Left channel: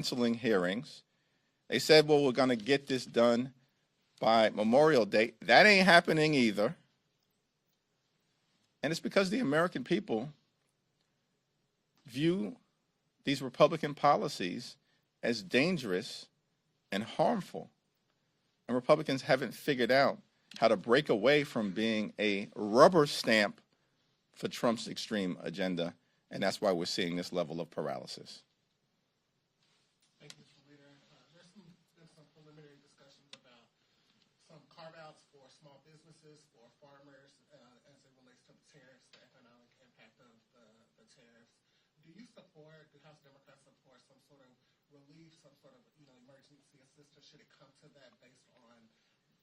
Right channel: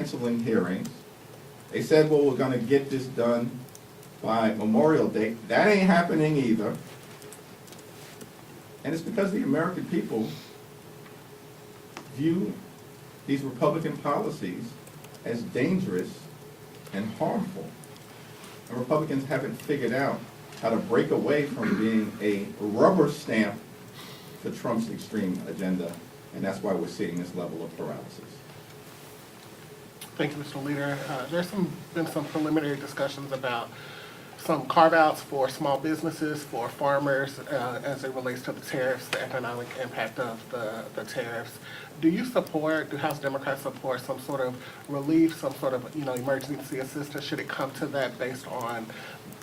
canceling hearings. They said, well, we're gonna get this done by Memorial Day. That ain't happening either. And it's because the American people view these Republican policies as dangerous and harmful. And Republicans haven't figured out how to break away from being a rubber stamp to Trump's extreme agenda. And that's why we're seeing this level of paralysis. Thank you, Mr. Leader. There's been some preliminary discussions about some carve-outs for small businesses, for farmers, as it relates to the tariffs, the economic impact of the tariffs. Do House Democrats support some sort of relief, some sort of emergency assistance? Should it come to that based on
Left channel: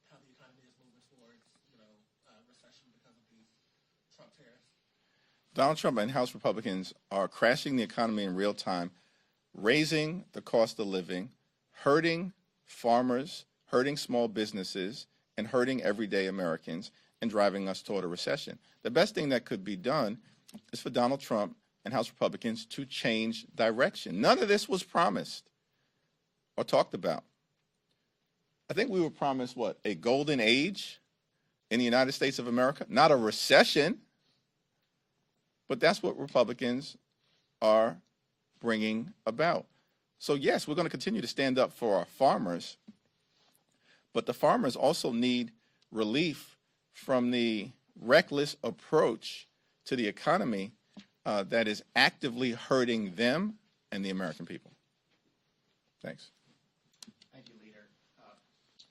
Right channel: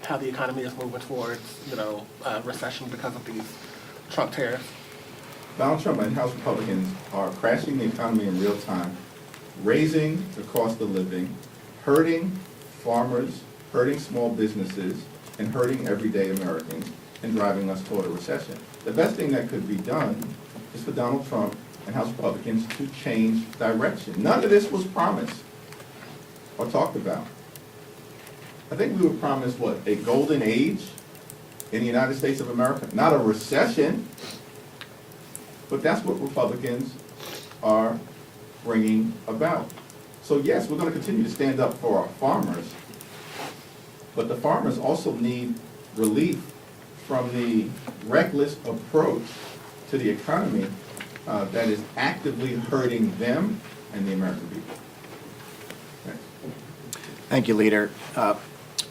how the economy is moving towards recession because of these Trump tariffs? Donald Trump and House Republicans are crashing the economy in real time, raising the cost of living, hurting farmers, hurting small businesses, and hurting everyday Americans, and driving us toward a recession. The best thing that could be done is for Donald Trump and House Republicans to change direction. None of this was promised or talked about. I think we were promised, what, a golden age in the United States of America? Not a recession, but that's what Republicans are bringing about. So yes, we're going to continue to stand up for our farmers, but the farmers also need relief from the reckless approach to the economy that is actively hurting them and the American people. Thanks. Thank you, Leader.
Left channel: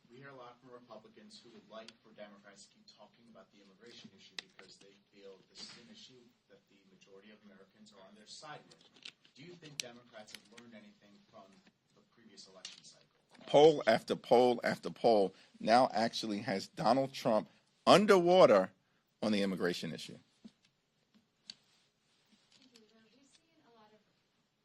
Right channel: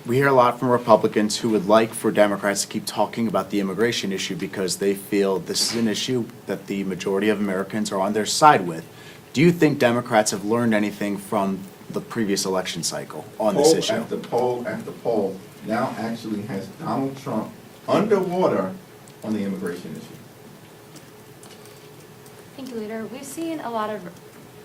We hear a lot from Republicans who would like for Democrats to keep talking about the immigration issue because they feel this is an issue that the majority of Americans are on their side with. Do you think Democrats have learned anything from the previous election cycle on this issue? Poll after poll after poll now actually has Donald Trump underwater on the immigration issue. Thank you, Leader. We've seen a lot of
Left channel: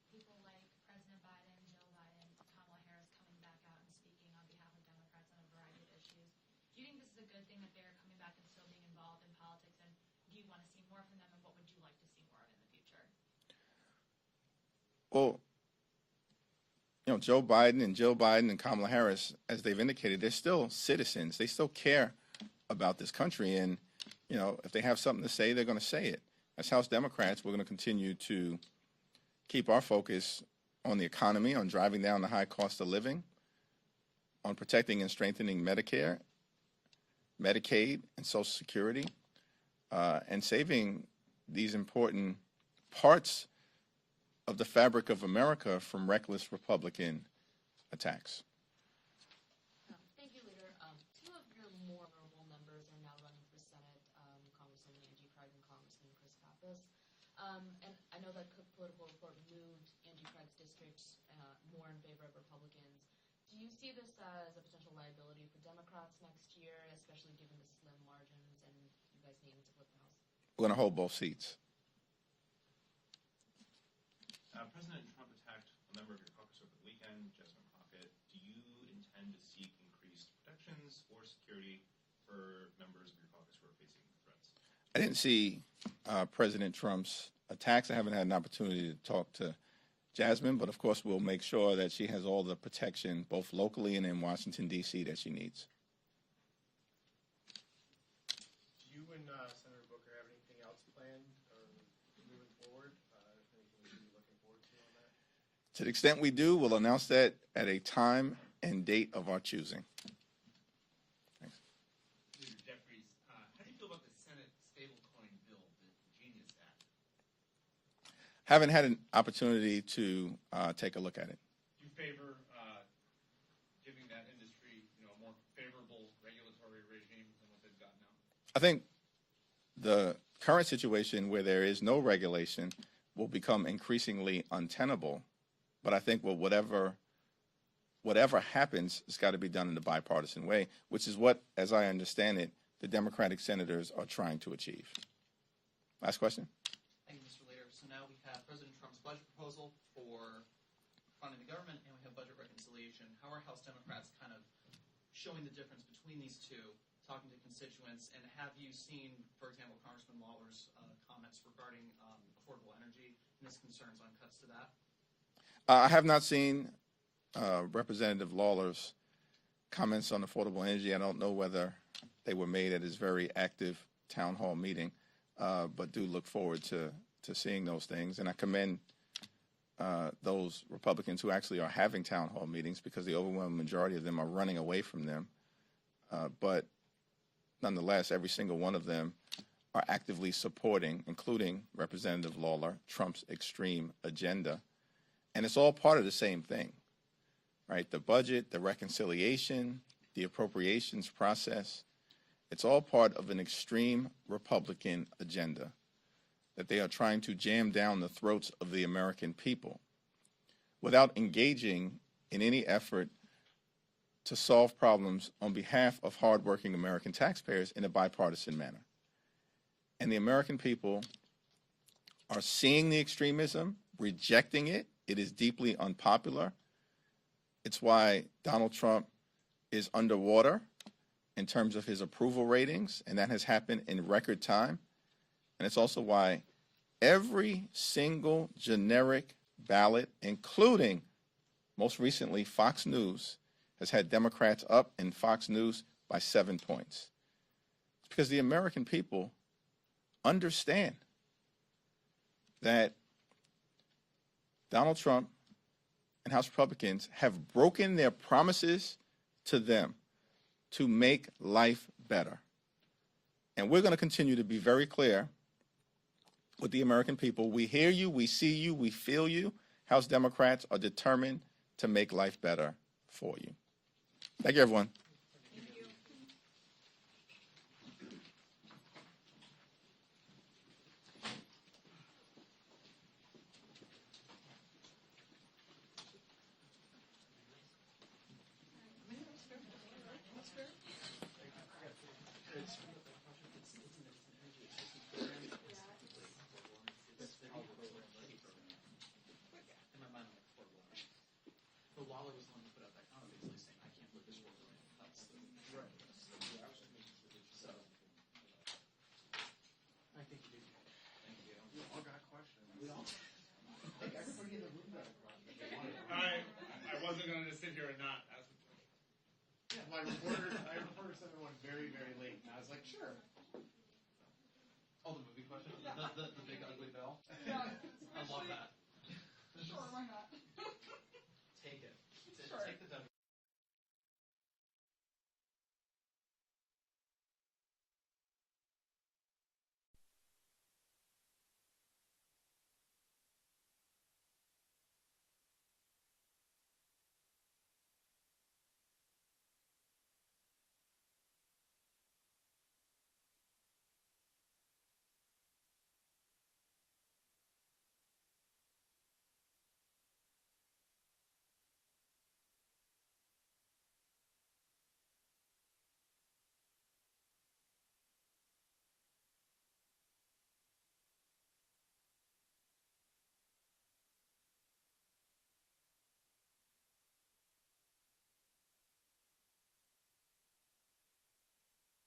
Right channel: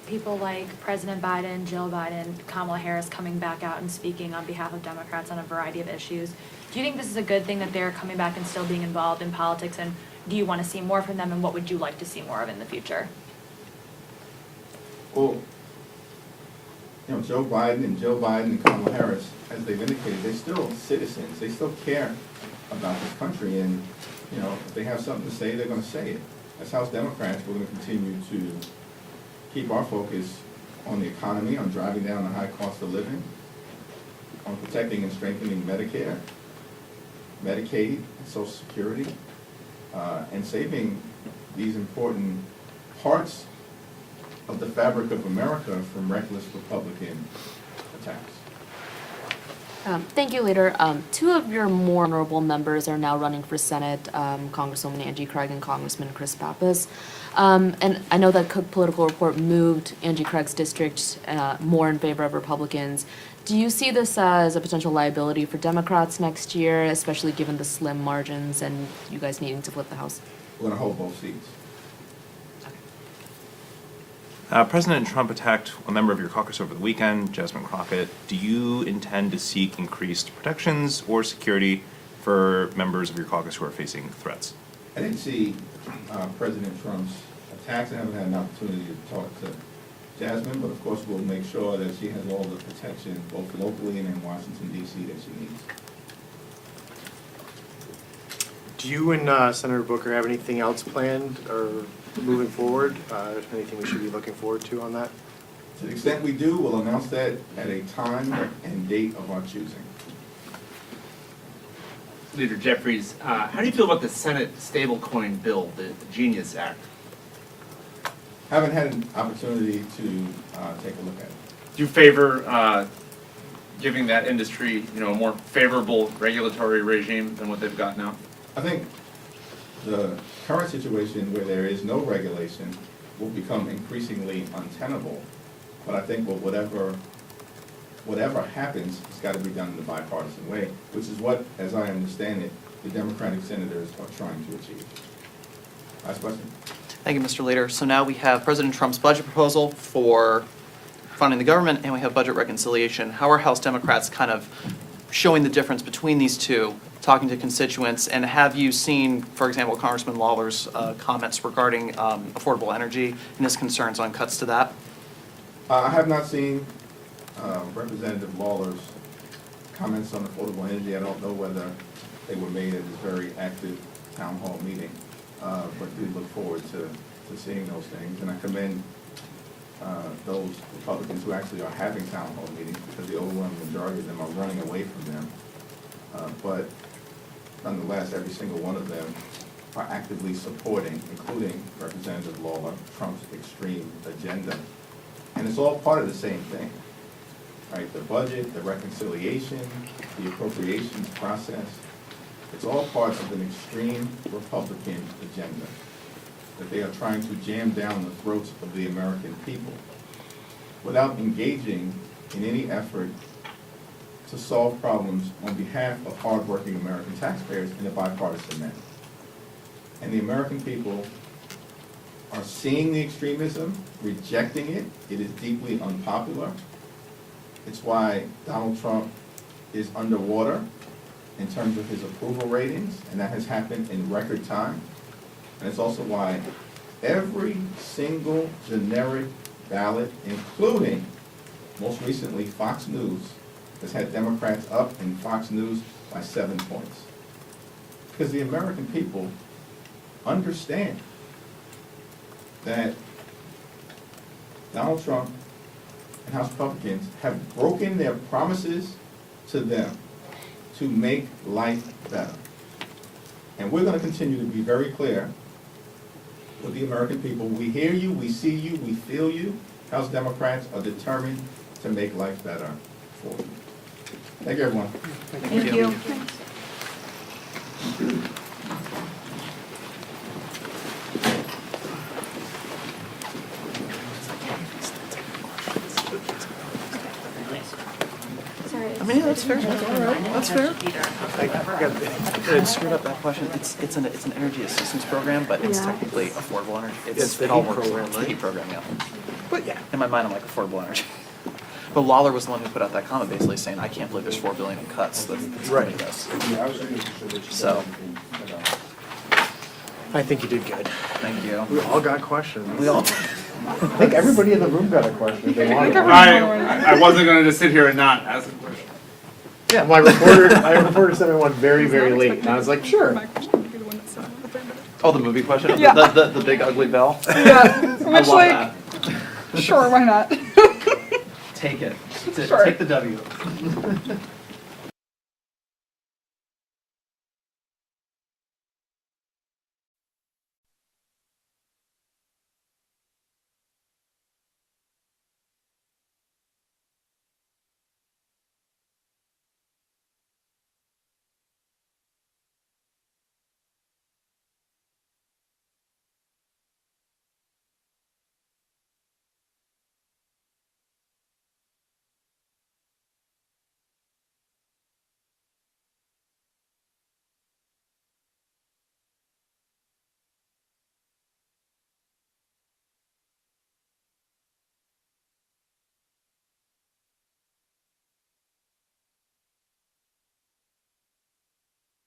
people like President Biden, Jill Biden, Kamala Harris coming back out and speaking on behalf of Democrats on a variety of issues. Do you think this is a good thing that they're coming back and still being involved in politics, and do you want to see more from them, and what would you like to see more of in the future? Well, Joe Biden and Jill Biden and Kamala Harris, as they've indicated, they're still citizens. They still care about this country, and if they have something to say, they're going to say it. As House Democrats, we're going to continue to keep our focus on the economy, on driving down the high cost of living, on protecting and strengthening Medicare, Medicaid, and Social Security, and saving these important parts of the fabric of America from reckless Republican attacks. Thank you, Leader. Two of your more honorable members are now running for Senate, Congresswoman Angie Craig and Congressman Chris Pappas. And I know that Cook Political Report moved Angie Craig's district more in favor of Republicans. Do you see this as a potential liability for Democrats next year, especially given the slim margins and you guys needing to flip the House? We're going to hold both seats. President Trump attacked a member of your caucus over the weekend, Jasmine Crockett. Do you intend to seek increased protections or security for members of your caucus who are facing threats? I didn't see President Trump's attacks. I haven't had an opportunity to talk to Jasmine, but of course we'll make sure that she has all the protection, both locally and in Washington, D.C., that she needs. Do you and Senator Booker have anything else planned or moving forward? Anything we should be looking forward to on that? To the extent we do, we'll announce that at a time and date of our choosing. Leader Jeffries, how do you feel about the Senate stablecoin bill, the Genius Act? Haven't had an opportunity to take a look at it. Do you favor giving that industry, a more favorable regulatory regime than what they've got now? I think the current situation where there is no regulation will become increasingly untenable. But I think whatever happens, it's got to be done in a bipartisan way, which is what, as I understand it, the Democratic senators are trying to achieve. Last question. Thank you, Mr. Leader. So now we have President Trump's budget proposal for funding the government, and we have budget reconciliation. How are House Democrats kind of showing the difference between these two, talking to constituents, and have you seen, for example, Congressman Lawler's comments regarding affordable energy and his concerns on cuts to that? I have not seen Representative Lawler's comments on affordable energy, I don't know whether they were made at this very active town hall meeting, but do look forward to seeing those things. And I commend those Republicans who actually are having town hall meetings, because the overwhelming majority of them are running away from them. But nonetheless, every single one of them are actively supporting, including Representative Lawler, Trump's extreme agenda. And it's all part of the same thing, right? The budget, the reconciliation, the appropriations process, it's all part of an extreme Republican agenda that they are trying to jam down the throats of the American people without engaging in any effort to solve problems on behalf of hardworking American taxpayers in a bipartisan manner. And the American people are seeing the extremism, rejecting it. It is deeply unpopular. It's why Donald Trump is underwater in terms of his approval ratings, and that has happened in record time. And it's also why every single generic ballot, including, most recently, Fox News, has had Democrats up in Fox News by 7 points. Because the American people understand that Donald Trump and House Republicans have broken their promises to them to make life better. And we're going to continue to be very clear with the American people. We hear you, we see you, we feel you. House Democrats are determined to make life better for you. Thank you, everyone. Thank you. I mean, yeah, that's fair. That's fair. It screwed up that question. It's an energy assistance program, but it's technically affordable energy. It's the it all heat works. program, right? Heat program, yeah. But yeah, in my mind, I'm like affordable energy. But Lawler was the one who put out that comment basically saying, I can't believe there's $4 billion in cuts. That's Right. ridiculous. So, I think you did good. thank you. We all got questions. We all, I think everybody in the room got a question if they wanted one. I wasn't gonna just sit here and not ask a question. Yeah, my reporter sent me one very, very late, and I was like, sure. oh, the movie question? Yeah. The big ugly bell? Yeah, I which love like, that. sure, why not? Take it. Sure. Take the W.